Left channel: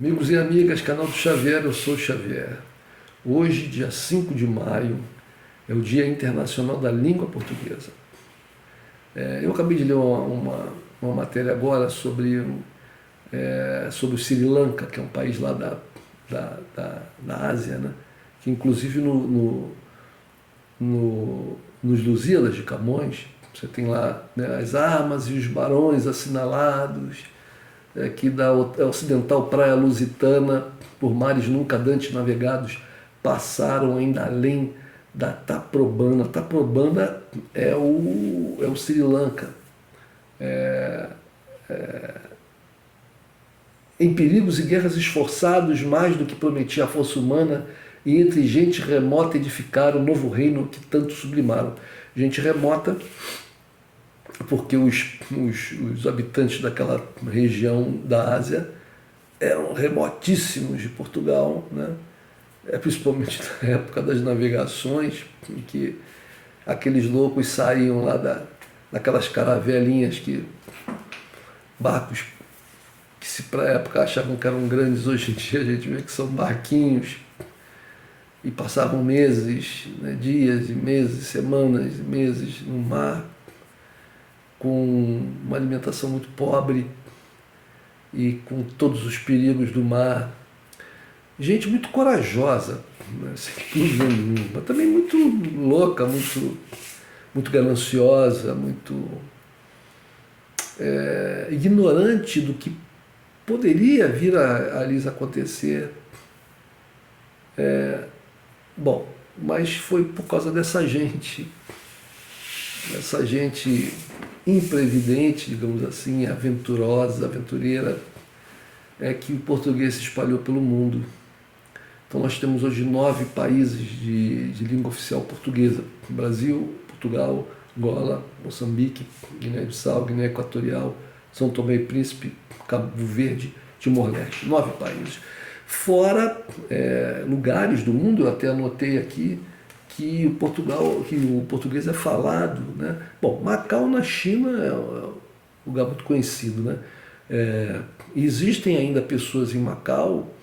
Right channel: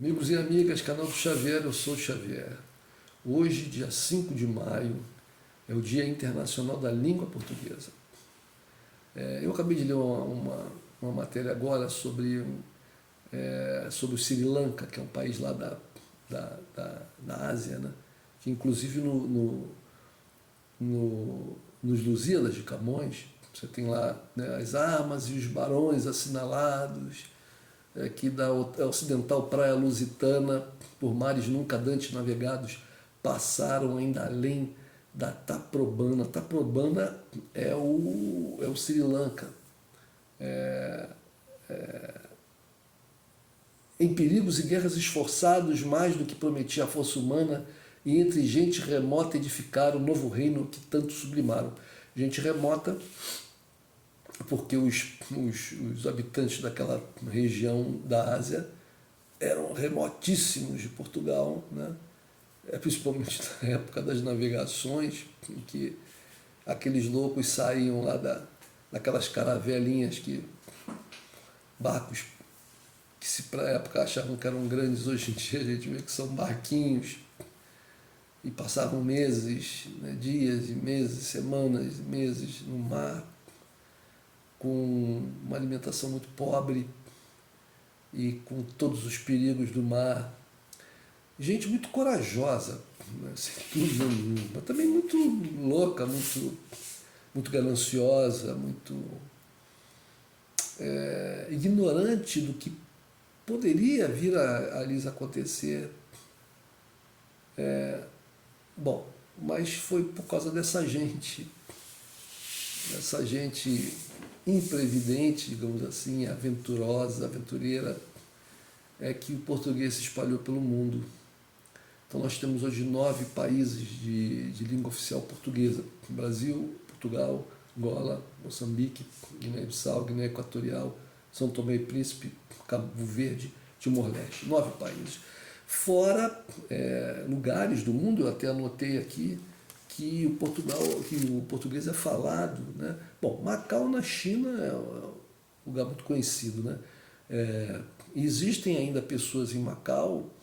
Amigos e amigas, canal do Xavier, eu sou o Xavier. Hoje, dia 5 de maio, é o Dia Internacional da Língua Portuguesa. Eu acabei de ler uma matéria agora sobre o Sri Lanka, que é um país lá da Ásia, né? Que inclusive nos Lusíadas de Camões, você tem lá, né, as armas e os barões assinalados, que da ocidental praia lusitana, por mares nunca dantes navegados, passaram ainda além da Taprobana. Taprobana é o Sri Lanka. Em perigos e guerras esforçados, mais do que prometia a força humana, e entre gente remota edificaram o novo reino que tanto sublimaram. Gente remota, porque os habitantes daquela região da Ásia eram remotíssimos de Portugal, né? Principalmente na época das navegações, em que aqueles loucos saíam lá daquelas caravelinhas, barcos que se para a época achavam que eram grandes, hoje em dia a gente vê que são barquinhos, e passavam meses, né, dias e meses, semanas e meses no mar, com uma alimentação muito pobre e com todos os perigos do mar. Gente muito corajosa, né, sem dúvida nenhuma, mas também muito louca, muito gananciosa, muito ignorante do que poderia vir a lhes acontecer. Bom, mas foi por causa dessa gente imprevidente, digamos assim, aventurosa, aventureira, que o português se espalhou pelo mundo. Então nós temos hoje 9 países de língua oficial portuguesa: Brasil, Portugal, Angola, Moçambique, Guiné-Bissau, Guiné Equatorial, São Tomé e Príncipe, Cabo Verde, Timor-Leste. 9 países. Fora lugares do mundo, eu até anotei aqui, que o português é falado, né? Bom, Macau na China é um lugar muito conhecido, né? Existem ainda pessoas em Macau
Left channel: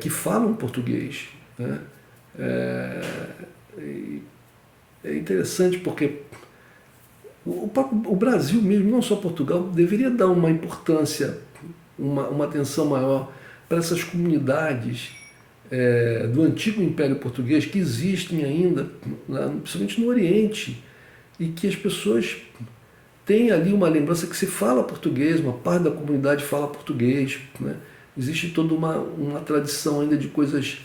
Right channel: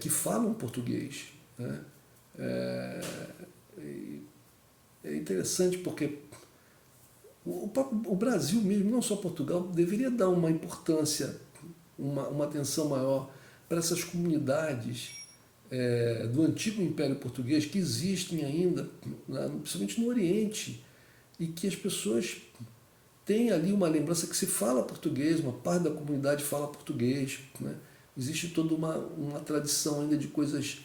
que falam português, né? É interessante porque o Brasil mesmo, não só Portugal, deveria dar uma importância, uma atenção maior para essas comunidades do antigo Império Português que existem ainda, principalmente no Oriente, e que as pessoas têm ali uma lembrança que se fala português, uma parte da comunidade fala português, né? Existe toda uma tradição ainda de coisas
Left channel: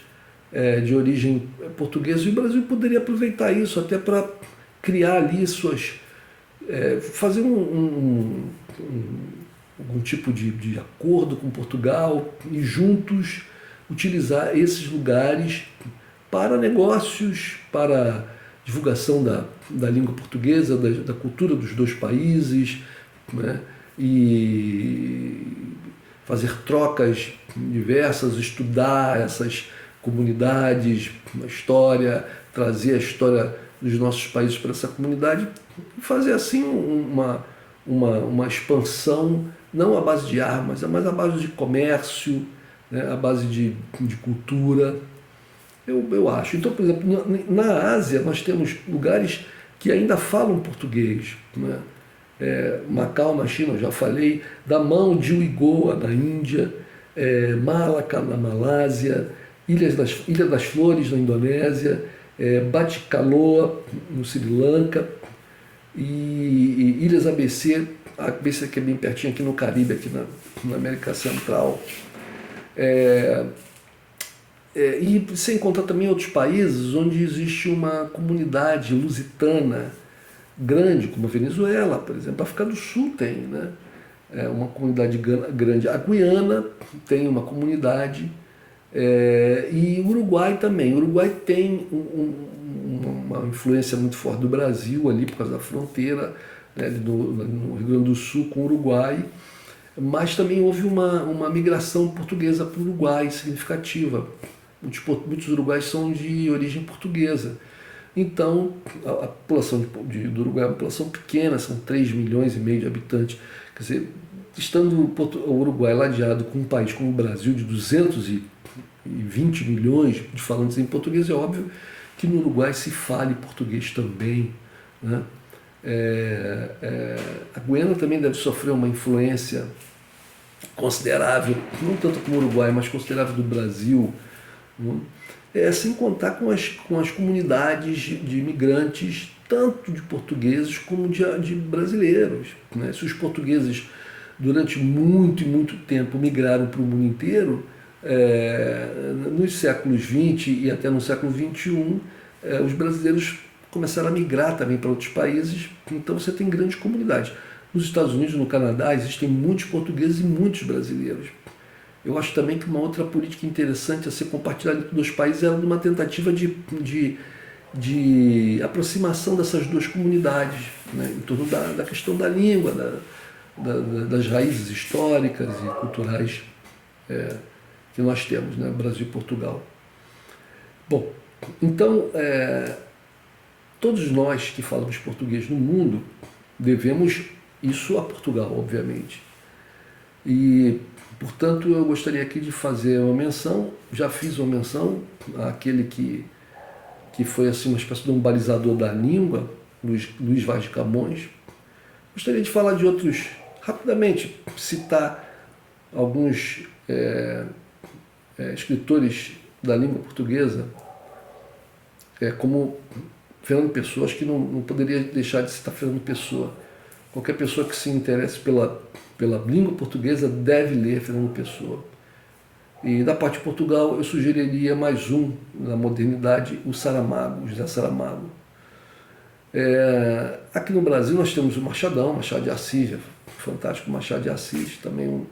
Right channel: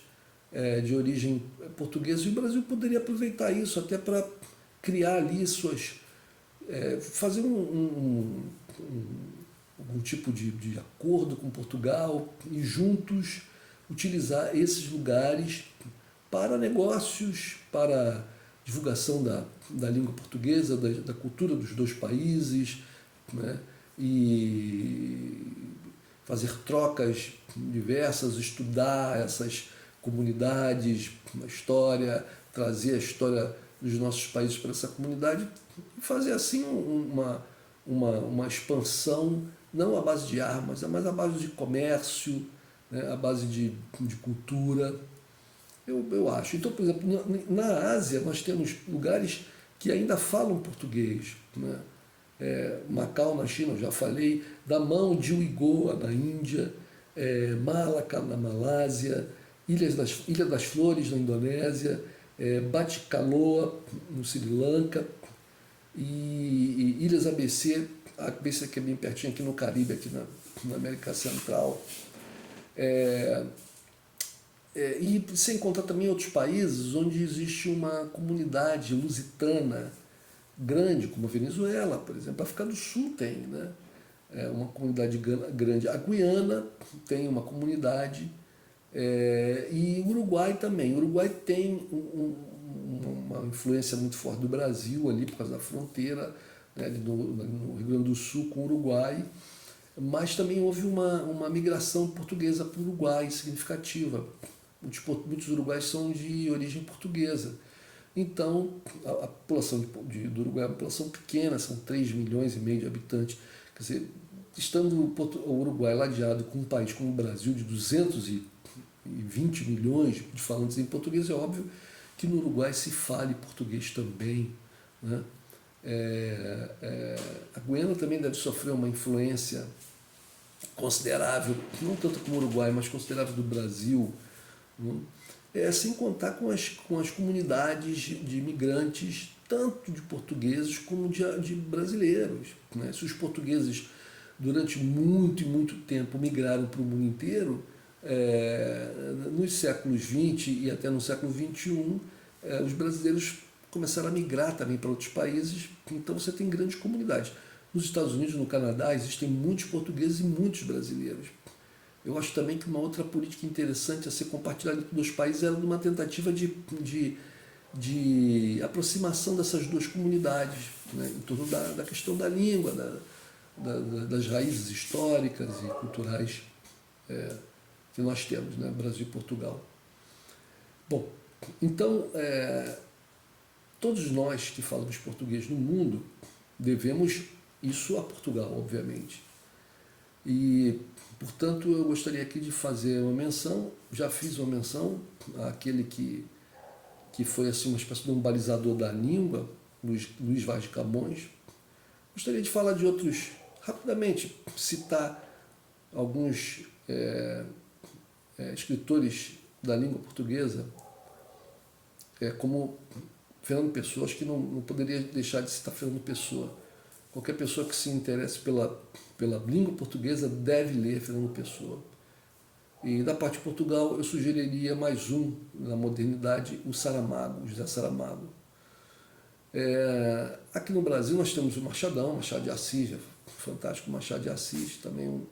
de origem portuguesa, e o Brasil poderia aproveitar isso até para criar ali fazer algum tipo de acordo com Portugal e juntos utilizar esses lugares para negócios, para divulgação da língua portuguesa, da cultura dos dois países, né? E fazer trocas diversas, estudar essas comunidades, a história, trazer a história dos nossos países para essa comunidade e fazer assim uma expansão, não à base de armas, mas à base de comércio, né, à base de cultura, eu acho. Então, por exemplo, na Ásia nós temos lugares que ainda falam português, né? Macau na China, eu já falei, Damão de Uigoa na Índia, Malacca na Malásia, Ilha das Flores na Indonésia, Batticaloa no Sri Lanka e Ilhas ABC que é bem pertinho aqui no Caribe, aqui na América Central. E sem contar também outros países onde existe uma comunidade lusitana grande, como a Venezuela, por exemplo. A África do Sul tem, né? Uma comunidade grande. A Guiana tem uma comunidade, e o Uruguai também. O Uruguai tem uma influência muito forte do Brasil ali por causa da fronteira, né, no Rio Grande do Sul com o Uruguai, mas também houve uma migração portuguesa para o Uruguai significativa. Muitos uruguaios são de origem portuguesa. Então, a população do Uruguai é uma população pequena, são 3,5 milhões de habitantes. Quer dizer, estando o Uruguai ladeado com um país como o Brasil de 220 milhões de falantes em português, é óbvio que no Uruguai se fale português também, né? A Guiana também deve sofrer uma influência considerável, não tanto como o Uruguai, mas considerável do Brasil, né? Sem contar com as comunidades de imigrantes, tanto de portugueses como de brasileiros, né? Se os portugueses durante muito e muito tempo migraram para o mundo inteiro, nos séculos XX e até no século XXI, os brasileiros começaram a migrar também para outros países, então você tem grandes comunidades. Nos Estados Unidos e no Canadá existem muitos portugueses e muitos brasileiros. Eu acho também que uma outra política interessante a ser compartilhada entre os países é uma tentativa de aproximação dessas duas comunidades, né, em torno da questão da língua, das raízes históricas e culturais que nós temos, né, Brasil e Portugal. Bom, então, todos nós que falamos português no mundo devemos isso a Portugal, obviamente. E, portanto, eu gostaria aqui de fazer uma menção, já fiz uma menção àquele que foi assim, uma espécie de um balizador da língua, Luís Vaz de Camões. Gostaria de falar de outros, rapidamente, citar alguns escritores da língua portuguesa, como Fernando Pessoa. Acho que não poderia deixar de citar Fernando Pessoa. Qualquer pessoa que se interesse pela língua portuguesa deve ler Fernando Pessoa. E da parte de Portugal, eu sugeriria mais um, na modernidade, o Saramago, o José Saramago. Aqui no Brasil nós temos o Machado de Assis, fantástico Machado de Assis, também um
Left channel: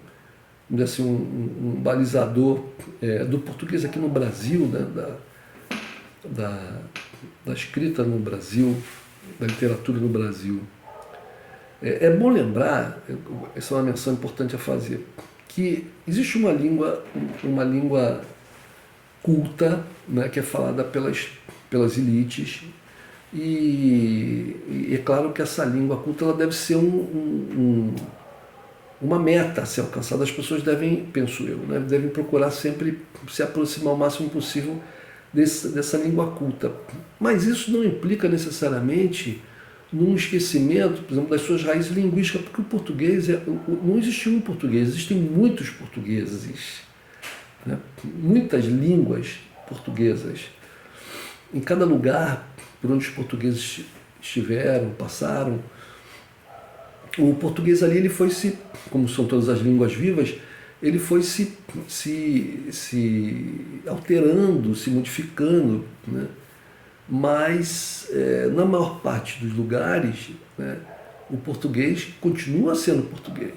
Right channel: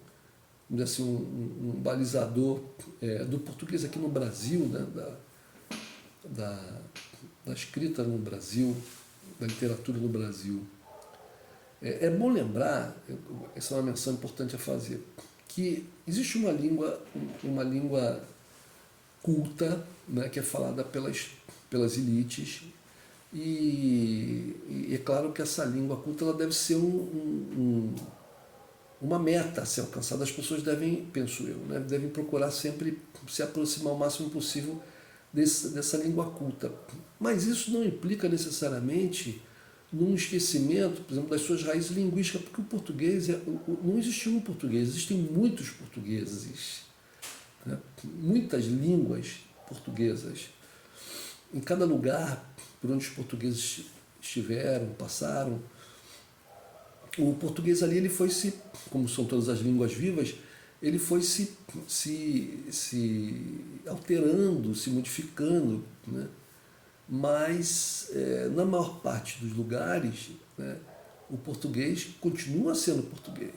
balizador do português aqui no Brasil, né, da escrita no Brasil, da literatura no Brasil. É bom lembrar, essa é uma menção importante a fazer, que existe uma língua culta, né, que é falada pelas elites, e é claro que essa língua culta ela deve ser uma meta a ser alcançada. As pessoas devem, penso eu, né, devem procurar sempre se aproximar o máximo possível dessa língua culta. Mas isso não implica necessariamente num esquecimento, por exemplo, das suas raízes linguísticas, porque o português, não existe um português, existem muitos portugueses, né? Muitas línguas portuguesas. Em cada lugar por onde os portugueses estiveram, passaram, o português ali, ele foi como são todas as línguas vivas, ele foi se alterando, se modificando, né? Mas na maior parte dos lugares, né, o português continua sendo português.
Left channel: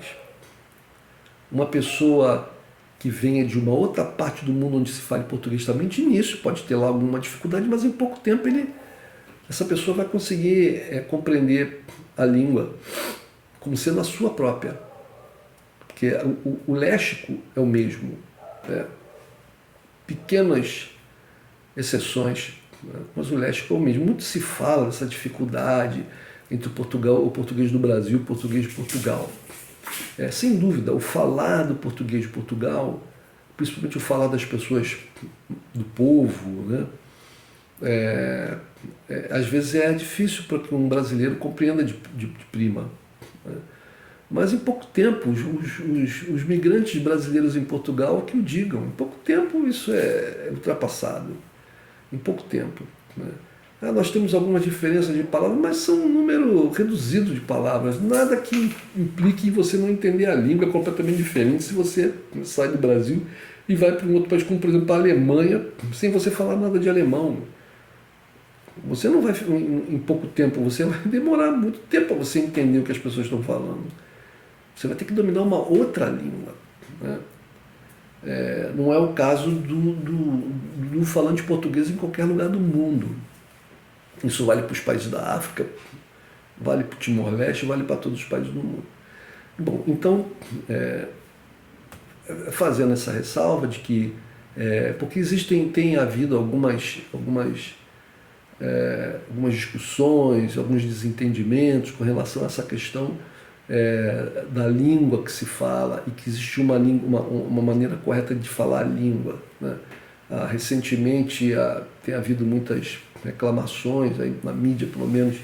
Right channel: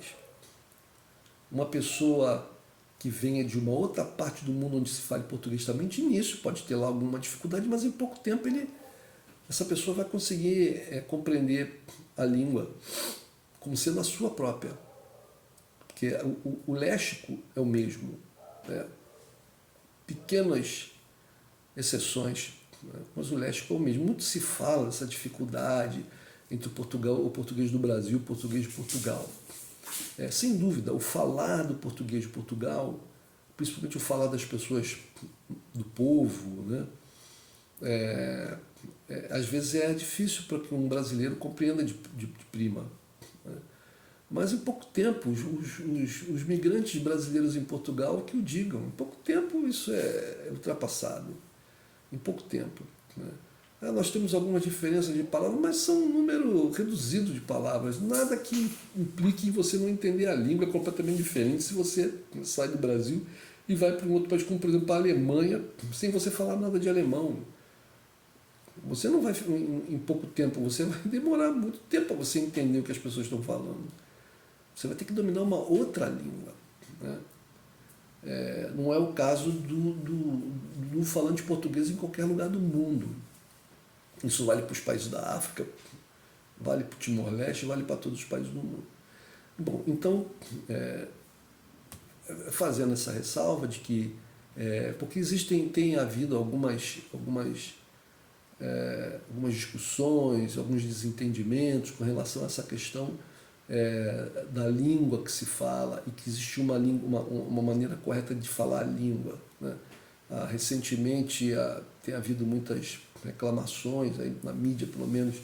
Uma pessoa que venha de uma outra parte do mundo onde se fale português também, de início pode ter lá alguma dificuldade, mas em pouco tempo essa pessoa vai conseguir compreender a língua como sendo a sua própria. Porque o léxico é o mesmo, né? Pequenas exceções, mas o léxico é o mesmo. Muito se fala dessa dificuldade entre o português do Brasil e o português de Portugal. Sem dúvida, o falar do português de Portugal, principalmente o falar das pessoas do povo, né? Às vezes é difícil para que um brasileiro compreenda de prima, né? Mas em pouco tempo, os migrantes brasileiros em Portugal que o digam, em pouco tempo isso é ultrapassado. Em pouco tempo, né? Nós temos algumas diferenças de palavras, mas são um número reduzido de palavras. Nada que implique você não entender a língua. É completamente diferente se você sai do Brasil e vai para um outro país, como por exemplo a Alemanha, sem você falar nada de alemão. Você não vai, em pouco tempo, você vai demorar muito tempo para você entender o que as pessoas estão falando. Você vai ter que dominar uma outra língua, né? Não é o caso do falante português em qualquer lugar do mundo. Isso vale para os países da África, vale para o Timor-Leste, vale para todos os países do mundo. Bom, então, fazendo essa ressalva de que, porque tem havido algumas discussões, alguns desentendimentos com relação a essa questão da língua que se fala e que existe uma maneira correta de falar a língua, né? Recentemente tem havido muitas reclamações, aí, na mídia pelo menos,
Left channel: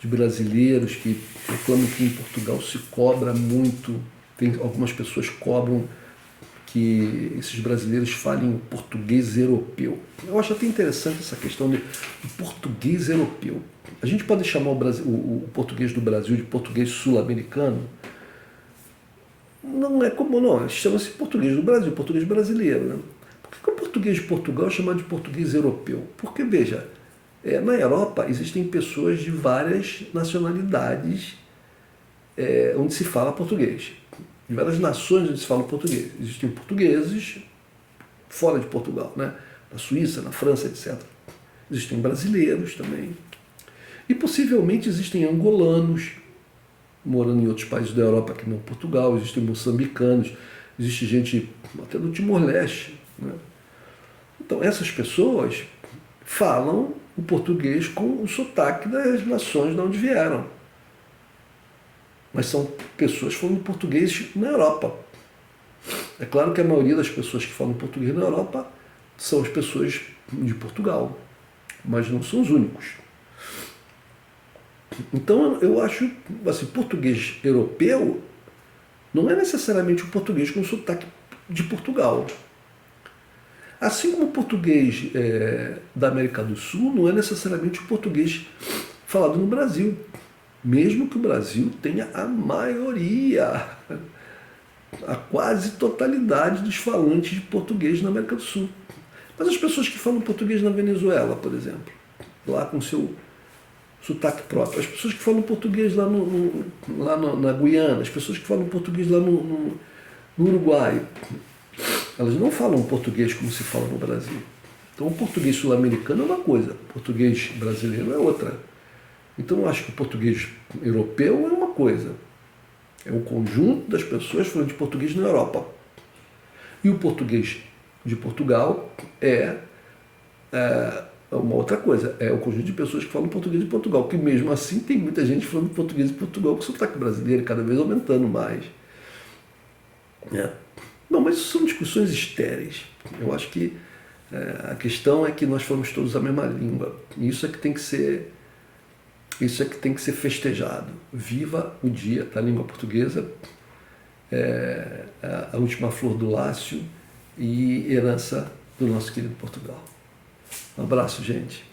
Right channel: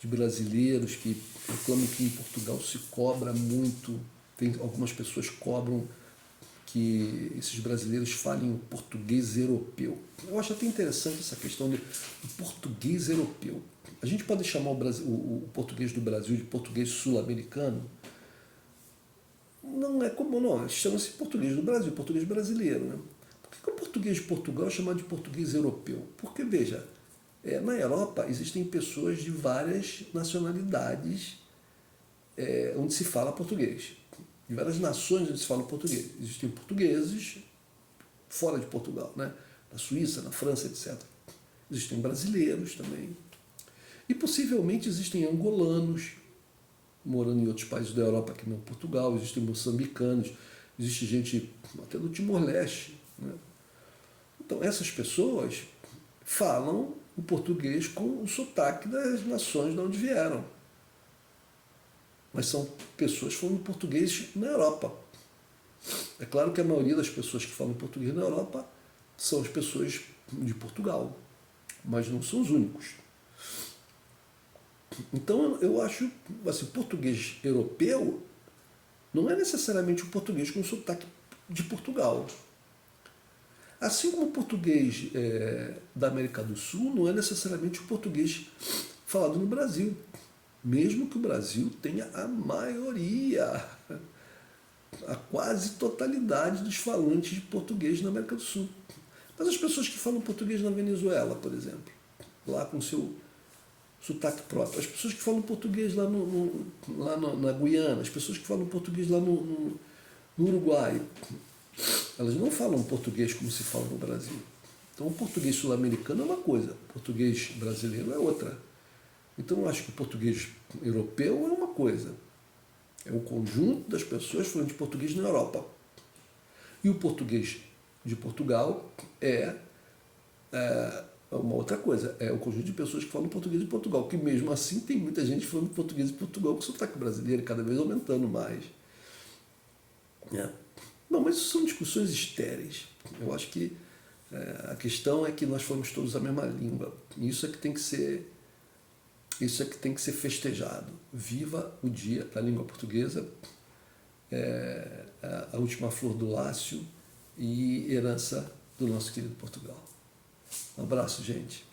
de brasileiros que reclamam que em Portugal se cobra muito, tem, algumas pessoas cobram que esses brasileiros falem português europeu. Eu acho até interessante essa questão do português europeu. A gente pode chamar o português do Brasil de português sul-americano? Não é comum, não. Chama-se português do Brasil, português brasileiro. Né? Por que o português de Portugal é chamado de português europeu? Porque, veja, na Europa existem pessoas de várias nacionalidades onde se fala português. De várias nações onde se fala português. Existem portugueses fora de Portugal, né? Na Suíça, na França, etc. Existem brasileiros também. E possivelmente existem angolanos morando em outros países da Europa que não Portugal, existem moçambicanos, existe gente até do Timor-Leste. Né? Então essas pessoas falam o português com o sotaque das nações de onde vieram. Mas são pessoas falando português na Europa. É claro que a maioria das pessoas que falam português na Europa são as pessoas de Portugal, mas não são os únicos. Então eu acho, assim, português europeu não é necessariamente o português com sotaque de Portugal. Assim como o português da América do Sul não é necessariamente o português falado no Brasil, mesmo que o Brasil tenha a maioria, a quase totalidade dos falantes de português na América do Sul. Mas as pessoas que falam português na Venezuela, por exemplo, lá com seu sotaque próprio, as pessoas que falam português lá, na Guiana, as pessoas que falam português lá no Uruguai, elas não falam português como se fala no Brasil. Então o português sul-americano é uma coisa, o português brasileiro é outra. Então eu acho que o português europeu é uma coisa, é o conjunto das pessoas falando de português na Europa. E o português de Portugal é uma outra coisa, é o conjunto de pessoas que falam português de Portugal, que mesmo assim tem muita gente falando português de Portugal com sotaque brasileiro, cada vez aumentando mais. Não, mas isso são discussões estéreis. Eu acho que a questão é que nós falamos todos a mesma língua. E isso é que tem que ser festejado. Viva o dia da língua portuguesa, a última flor do Lácio e herança do nosso querido Portugal. Um abraço, gente.